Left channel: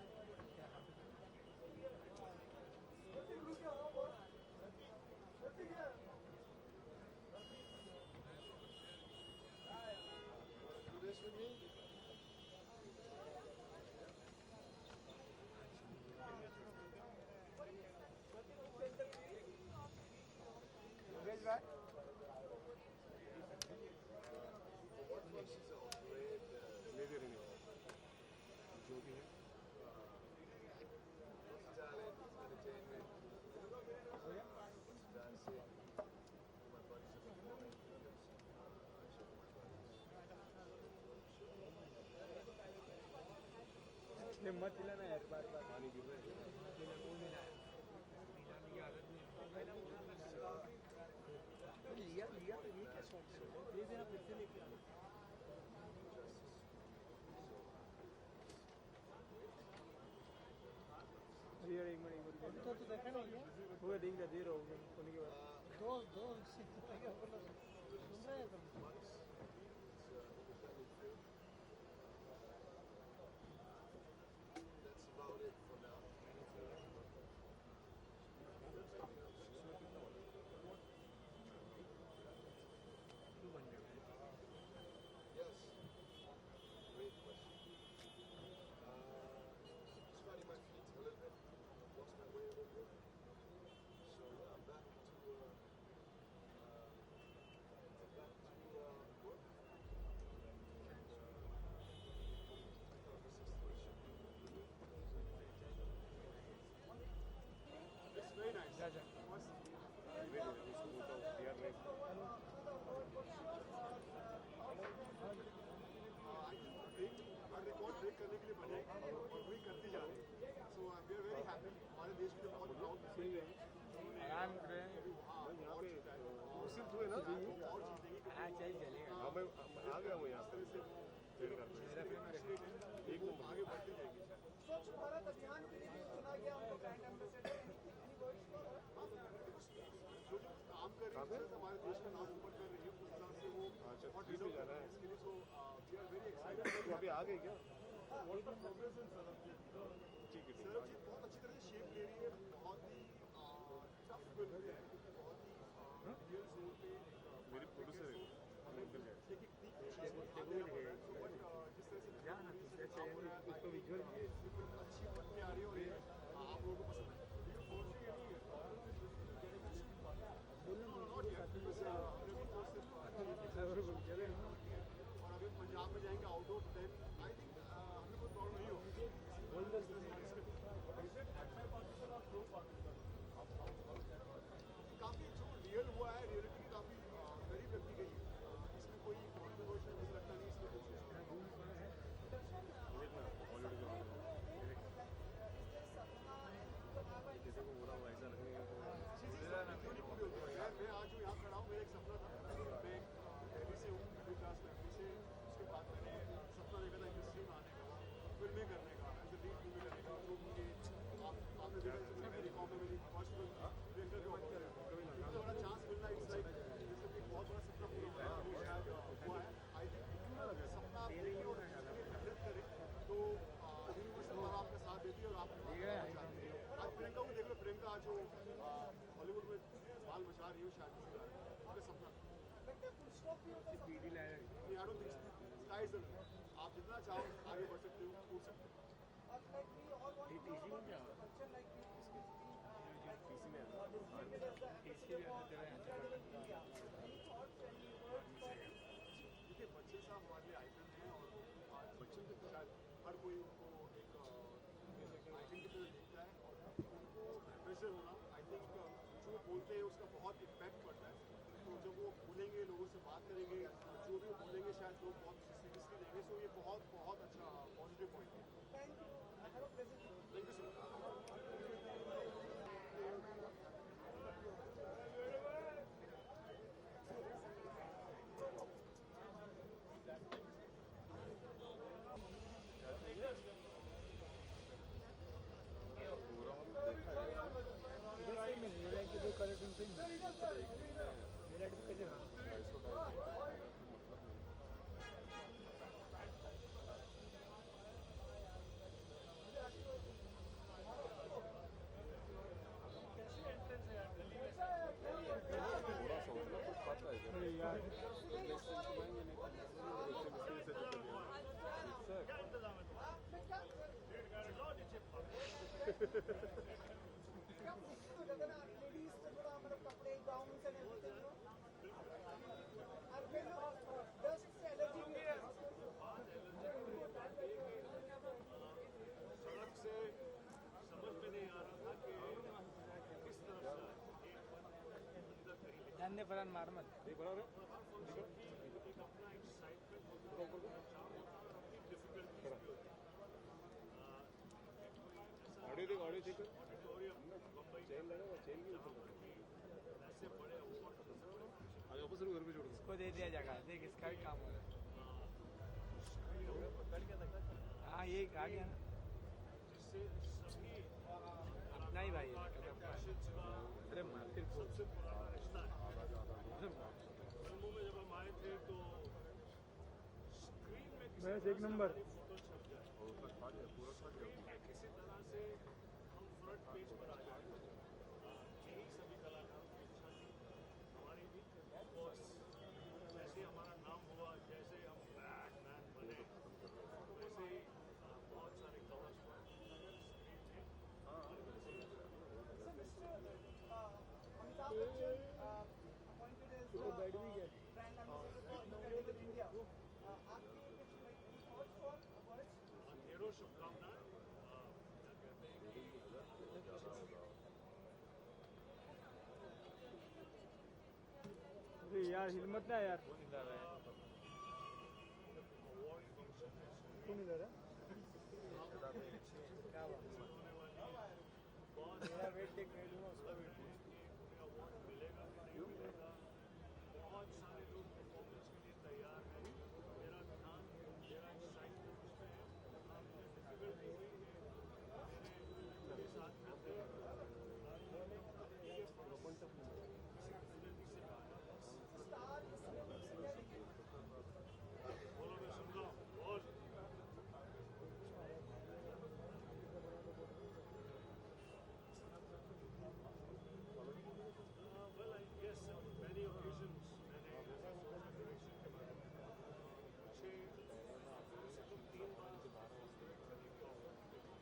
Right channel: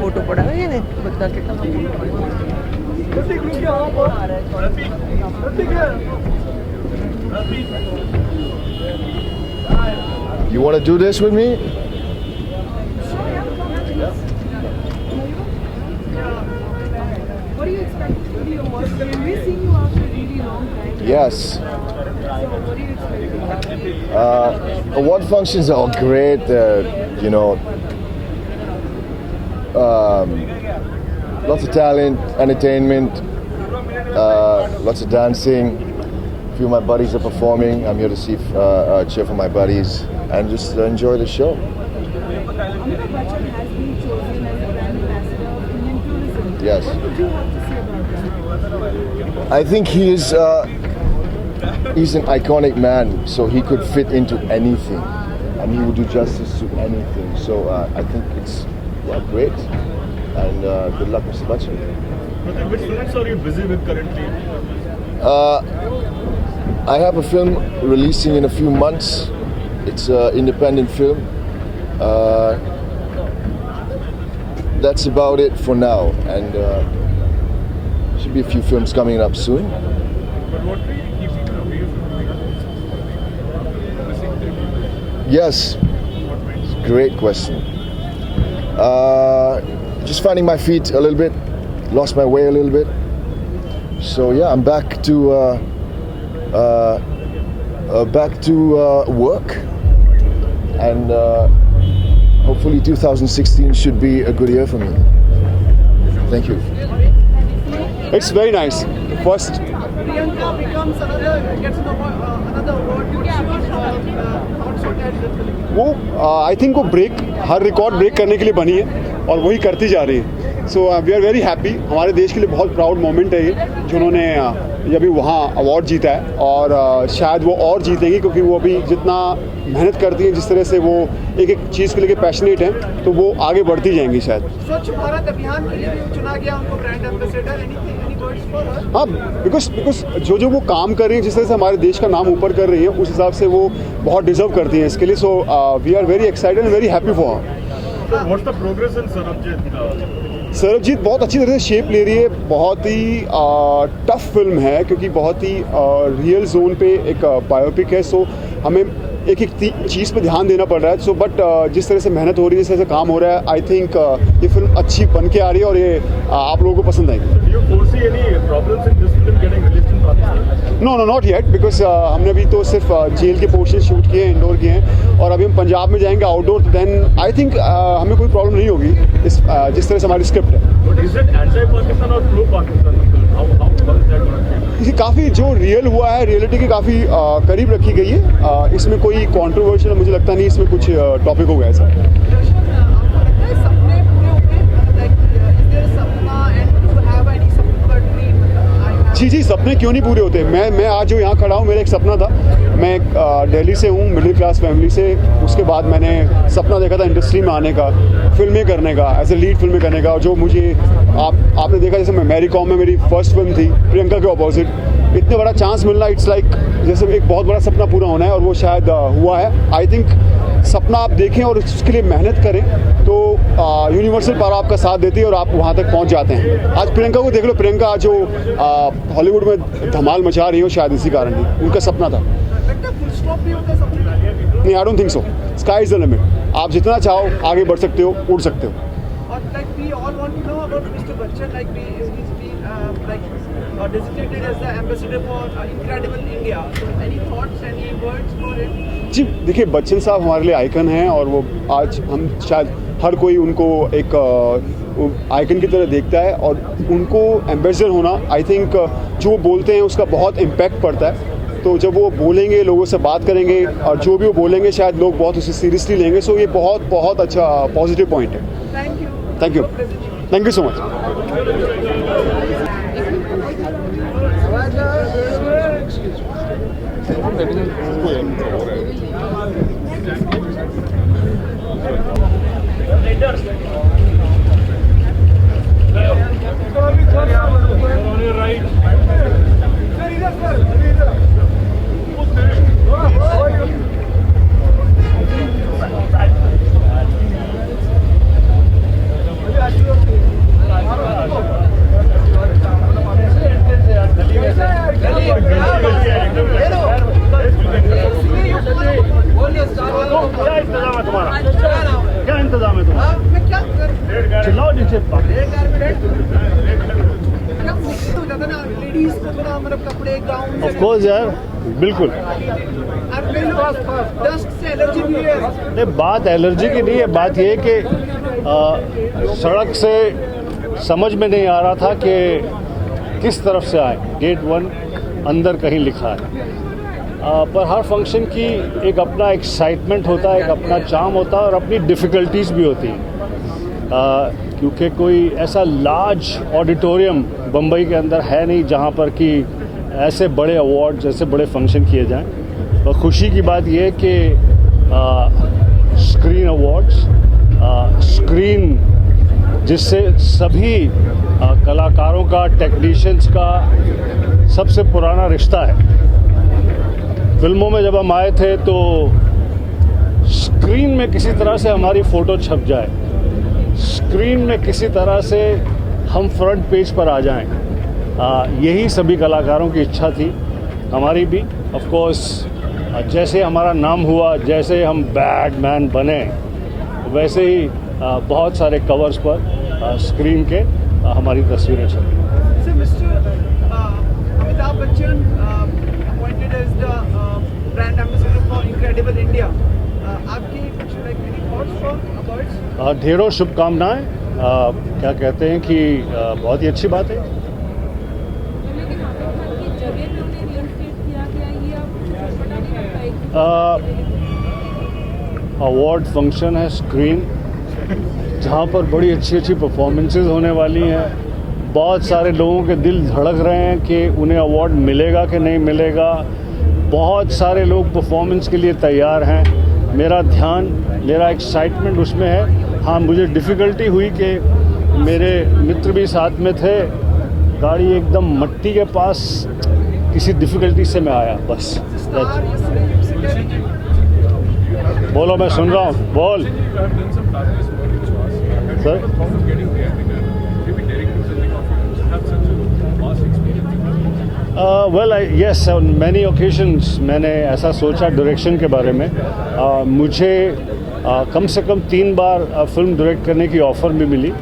फोटो पड़ा है ये बता कितना You want to do this with me? What do you expect? What do you want? We've seen you after a really long time. Yes. So what do you expect? Award functions are great. You know, lots of talent, entertainment, lots of dancing. A few of my buddies are performing. I'm here to cheer for my buddies and just enjoy the show. Amitabh Bachchan has been chosen as a brand ambassador of Indian tourism. Yes. What would you have to say about that? I think he's an iconic man, so he could fit into anything, and he would do justice to anything. So I think it's great, and good luck, Mr. Bachchan. Which films are you busy with currently? I have a film releasing in a few months. It's an independent film. That's about it for now, and should be a few films coming up soon. But what really keeps you away from missing thing? Yes, great question. Just finding my feet a little bit, lost my way a little bit. So yeah, I'm back to work, and hopefully 2016 should be a good year for me. Thank you. It's very nice. First, Priyanka becomes gets another award. Thoughts on that? वो I think वो ब्रेक हर record break करने के लिए बनी है और वही करती जा रही है. So we are very happy. हमारे देश के लिए बहुत प्राउड मोमेंट है ये जिन्होंने अभी वहाँ अवार्ड जीता है, और शायद वो और जीतेंगी क्योंकि वो अभी जितना मेहनत करती हैं, जिस तरह से वो एक एक चीज़ के लिए पैशनेट हैं, तो वो आगे बढ़ती जाएंगी शायद. स्वच्छ भारत अभियान के लिए भी चुना गया उनको brand ambassador. Any words for her? हाँ, बिकॉज जो वो काम कर रही है, जिस तरह से हमारे देश का नाम ऊपर कर रही है, उस हिसाब से वो बहुत डिजर्व करती हैं इसके लिए. So we are very excited and very happy for. What's the progress in Sarabjit? Sarabjit बहुत अच्छी तरह से शेप ले रही है. बहुत ही टफ फिल्म है क्योंकि बहुत ही रियल जोन पे एक बायोपिक है. सो हमें एक एक चीज़ पे ध्यान देना पड़ रहा है. सो बट जिस तरह से मेहनत हो रही है, जिस तरह से काम हो रहा है, आई थिंक ये फिल्म अच्छी बन के आ रही है और ये आप लोगों को पसंद आएगी. Do you foresee any problems in this film getting released in Pakistan? No not yet, because हमने अभी तो सिर्फ जेल के पोर्शन शूट किए हैं, इंडोर किए हैं, और अभी हम पंजाब में जाएंगे आउटडोर. देन आई थिंक हमें कोई प्रॉब्लम नहीं होगी जिस तरह से हमारी स्क्रिप्ट है. But is it anti-Pakistan or pro-Pakistan film? How is that going to change? ये काफ़ी जो रियल हुआ है, रियलिटी के काफ़ी करीब रखी गई है. इसमें कोई कंट्रोवर्शियल मुझे लगता नहीं, इसमें कुछ टॉपिक हो गया ऐसा. सपने पूरे होंगे? Like, is there a sapna and do you have any particular dream? जी, सपने क्यों नहीं पूरे होते. मैं आज जो यहाँ खड़ा हूँ, मेरा एक सपना था. मैं दिल्ली से हूँ, मिडिल क्लास फैमिली से. उसके बाद मैंने सपना देखा था इंडस्ट्री में आने का, फिल्में करने का, एज ए लीड फिल्में करने का. जो मुझे आपने देखा, जैसे मैं मैरी कॉम में मेरी फर्स्ट फिल्म थी, प्रियंका के अपोजिट. इतना बड़ा चांस मिलना, इट्स लाइक जैसे एक बहुत बड़ा सपना पूरा होना है, और वो शायद हुआ है. आई थिंक सपना आप देखें और उसके लिए मेहनत करें तो यूनिवर्सल पावर आपका साथ देती है और आप वहाँ तक पहुँच जाते हैं. आज प्रियंका को देख लो. प्रियंका आज जो हॉलीवुड में धमाल मचा रही हो, शायद इसी कारण ही उनका सपना था. नहीं, I don't think so. Sky is the limit. आप जितना चाहो आगे बढ़ सकते हो, उड़ सकते हो. Like we all want to know about Mr. Bachchan. Like he's been designated as the ambassador for Incredible India. So any thoughts, any words for him? जी देखिए, बच्चन साहब हमारे लिए आइकन हैं, और वो आज हम शायद हर कोई उनको एक आइकन की तरह देखता है, और उनको एम्बेसडर होना, आई थिंक जो वो बोलते हैं उसका बहुत इम्पैक्ट पड़ता है. तो जब वो बोलेंगे, लोगों से बात करेंगे, और जो भी वो बोलेंगे शायद लोग बहुत उसे सीरियसली लेंगे. सो ये बहुत बहुत अच्छा पॉजिटिव पॉइंट है. Thank you. Thank you so much. On your right. क्या इंतजाम है तुम्हारा? क्या इंतजाम है तुम्हारा? मैं क्या कर चिल्लाओ नीचे। हो जाता ना लेडीज को थोड़ा मतलब कपड़े गाउन ऑफ कोर्स यार, बिल्कुल। डस्ट से एलर्जी भी है। नहीं, बात एलर्जी की नहीं है, बात ये है कि सड़क से समझ में नहीं आ रहा था कि किस तरफ से आए। गेट 1 अंदर कहीं लिखा है, पर हर फंक्शन की एक अपना एक्साइटमेंट होता है, एक अपना चार्म होता है और अपनी डिफ़िकल्टीज भी होती हैं, क्योंकि कोई ऐसा लार्ज ऑडिटोरियम बम्बई के अंदर है नहीं जहाँ पर कि ऐसे बड़े अवार्ड्स, ऐसे बड़े फंक्शन किए जाएं। और खुशी की बात यह है कि स्क्रीन अवार्ड्स, स्क्रीन जिससे सभी कलाकारों का, टेक्नीशियंस का सबसे पुराना रिश्ता है। फिल्मों में जब हम आए थे तो स्क्रीन में किसी तरह से हमारी फ़ोटो छप जाए, स्क्रीन में किसी तरह से हम फ्रंट पेज पर आ जाएं, यही सभी कलाकारों की इच्छा थी, हमारी भी। ऑफ कोर्स जैसे हमारा नाम हुआ, जैसे हम बैटमैन बने, वैसे ही बहुत सारे कवर्स पर स्क्रीन के हमारी तस्वीरें छपी। So Mr. Amitabh Bachchan appointed as the brand ambassador for Incredible India. आपकी कुछ like any thoughts for awards? ढेरों शुभकामनाएं। क्या कहते हैं कि बहुत ही अच्छी बात है। अवार्ड फंक्शन है, स्क्रीन जहाँ पर बड़ी अच्छी अच्छी परफॉर्मेंसेस होने वाली हैं। बहुत सारे लोगों के दिल धड़क रहे हैं कि उन्हें अवार्ड मिलेगा कि नहीं मिलेगा। बहुत सारे लोग परफॉर्मेंस के लिए तैयार हैं। मेरा ध्यान, मेरा एक्साइटमेंट उसमें है। हाँ, मुझे डिफ़िकल्टी हुई कि मेरे मित्र भी साथ में थे, गाड़ी एकदम मट्टी के पास, किसी डिफ़िकल्टी से मैं आया बस। बोलो, मैं सुन रहा हूँ, बोल sir. Well yes, on many occasions मैंने ऐसा सोचा डायरेक्शन के बारे में। मुझे कम से कम 3 बार फिल्म डायरेक्ट करने की ऑफ़र भी मिली।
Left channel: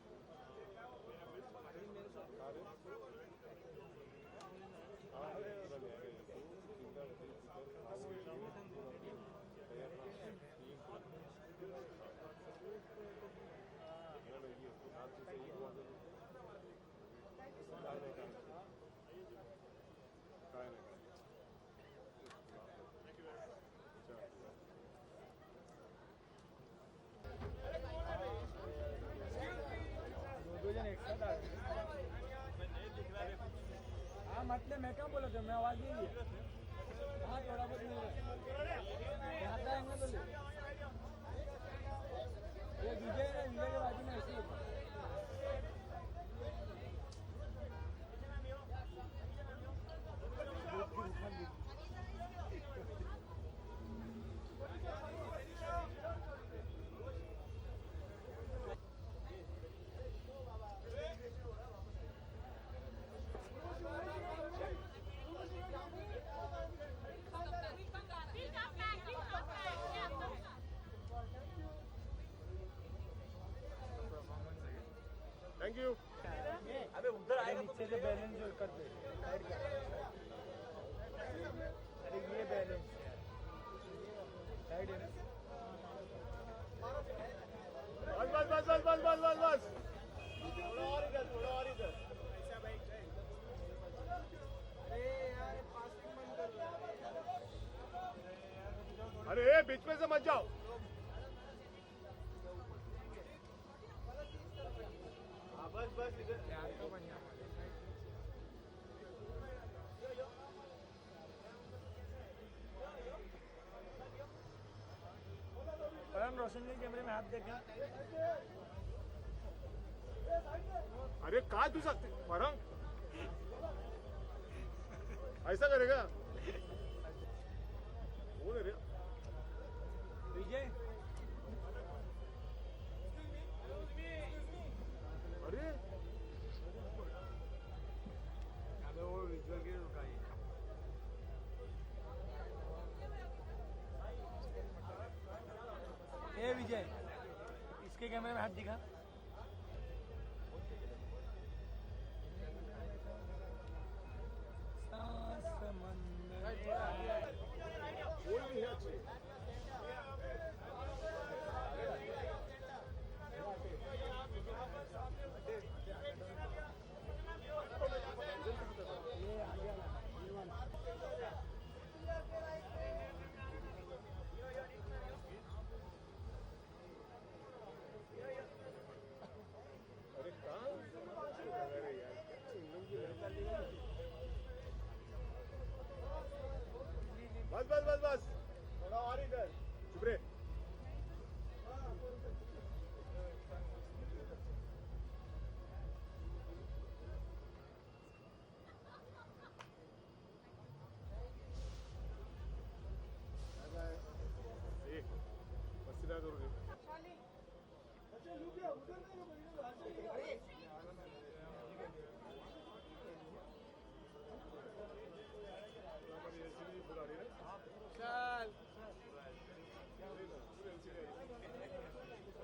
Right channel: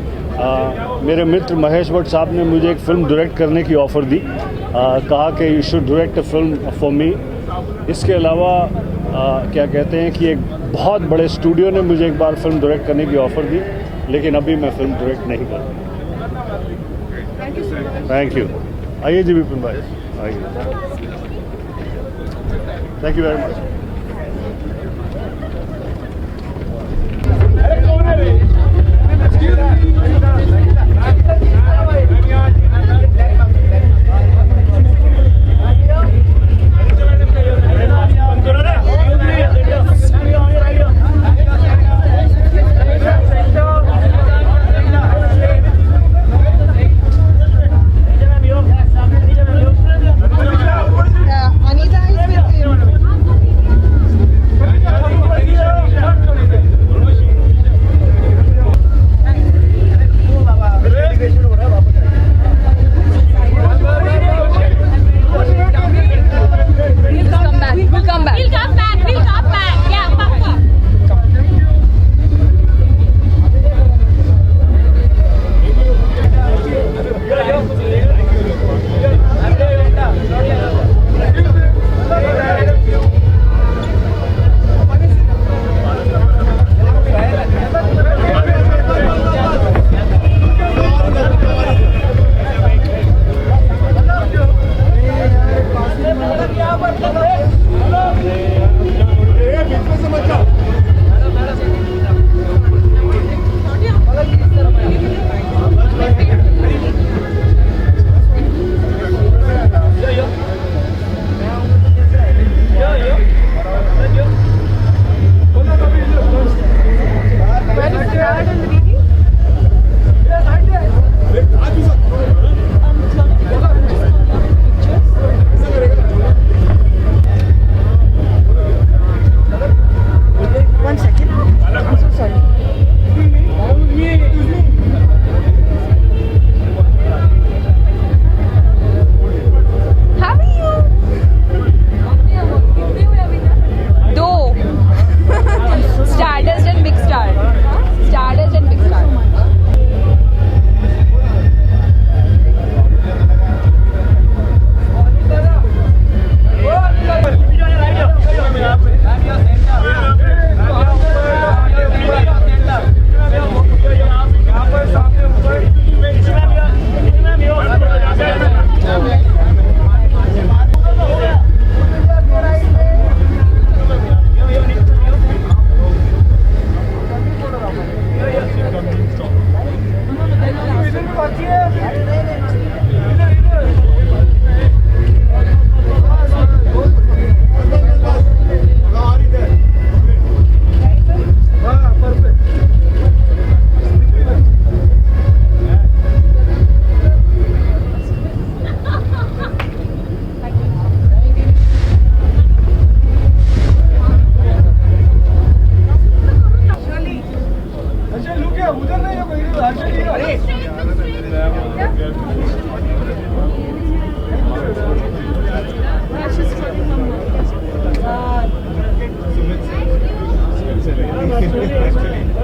मेरे मित्र महेश भट्ट साहब ने मुझे एक फ़िल्म डायरेक्ट करने की ऑफ़र दी, कहा कि you should direct a film for me. इसके अलावा क्या कहते हैं कि एक बहुत बड़े स्टूडियो ने मुझे एक बार फिल्म डायरेक्ट करने की ऑफ़र दी, लेकिन अभी मैं फिल्म डायरेक्ट नहीं कर रहा। Thank you. आइए जी विपिन भाई, आइए। Thank you very much. Anita is with you.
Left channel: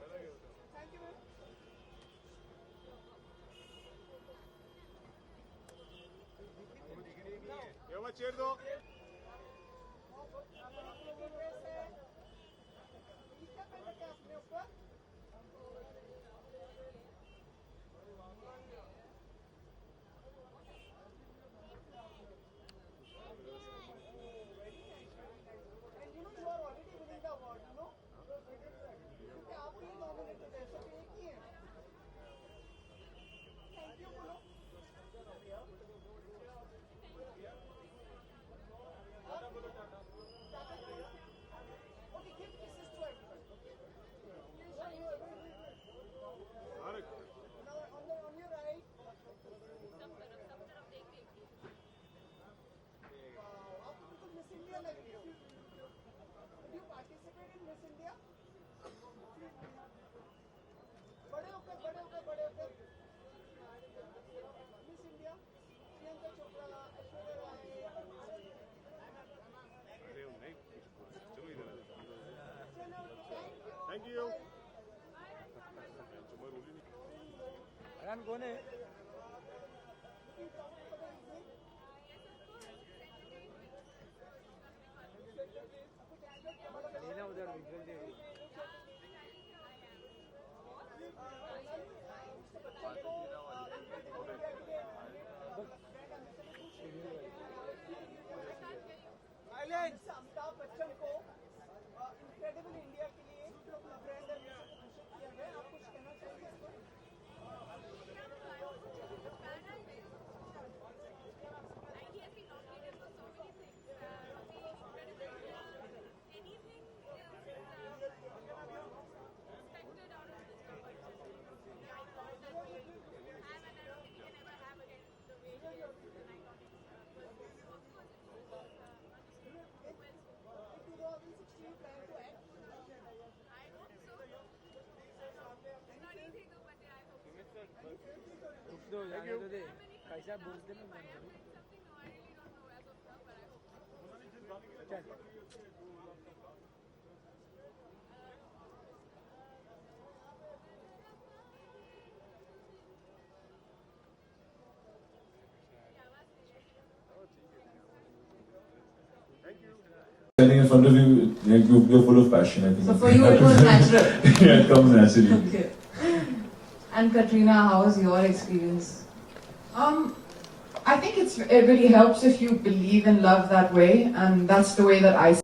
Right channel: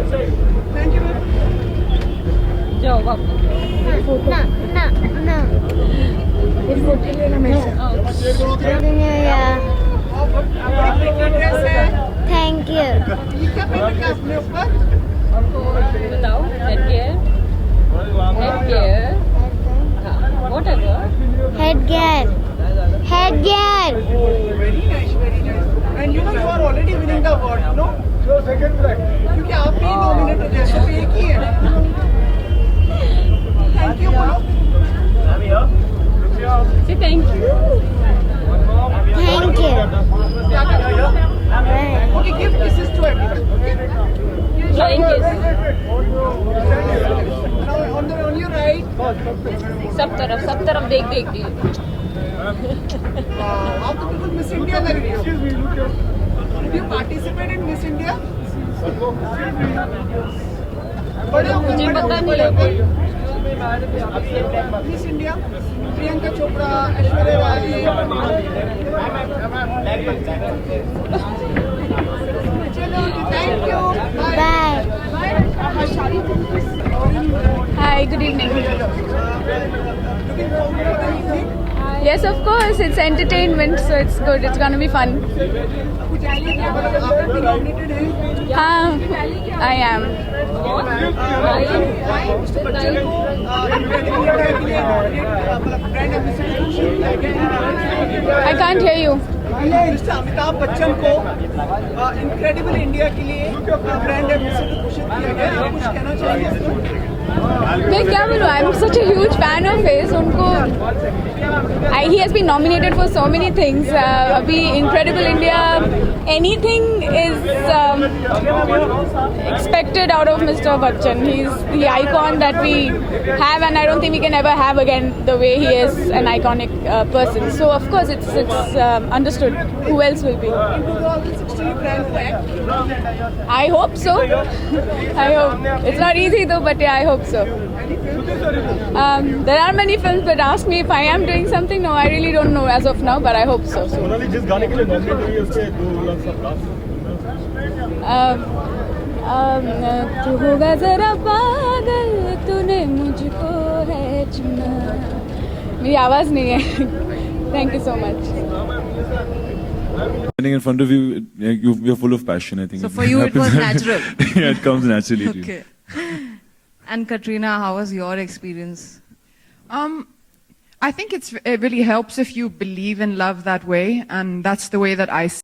Thank you, ma'am. जाओ वापस आपकी ड्रेस है थैंक यू ये क्या पहन रखा है अपने ऊपर बताओ headgear whatever head gear very nice and you know you are already winning the award you know क्योंकि आप ही nominated हैं सिर्फ एक ही है thank you बोलो say thank you thank you क्या कर रहे हो okay give kisses to everyone okay flying kiss now on your right सब तरफ देख के आप तो बिल्कुल मिस इंडिया लग रही हो Did you participate in Miss India? बड़े हो मुझे बड़े पता हो, नहीं बड़े है हो। Miss India, प्रियंका चोपड़ा, ऐश्वर्या राय। चलो, thank you. Bye Hi, good evening. Looking forward to the evening. Yes, of course, it's entertainment, so it's good. It's gonna be fun. कुछ आइए क्या मतलब आप भी nominated हैं? I am. मिस्टर बच्चन को incredible India के लिए nominate मतलब brand ambassador किया I can't hear you. Mister Amitabh बच्चन को इनक्रेडिबल इंडिया के लिए ब्रांड एम्बेसडर घोषित किया गया है। आप कुछ कहना चाहेंगे इस पर? मैं क्या बोलूँ? I'm such a huge fan of his. उनको he has been nominated for so many things. अभी Incredible India, anything is expected out of Mr. Bachchan. He's the icon that we have, and I don't think we can ever have again the way he is an iconic person. So of course it's understood. Who else will be? In 2016 brand को act I hope so. I hope. It's not easy though, but yeah, I hope so. There are many films, but ask me if I am doing something. No, I really don't know as of now, but I hope so. Sonali जिस गाने के लिए नॉमिनेट हुई है उसके 2 लाख सब तू होगा जरा पागल, तूने मुझको है चुना. मेरी आवाज़ नहीं है. Thank you so much. Standing in front of you, you're full of passion. I think. So for you, it was natural. Yeah, it comes naturally. Okay. And Katrina, how was your experience? I think it really helps if you believe and love that way, and that's the way that I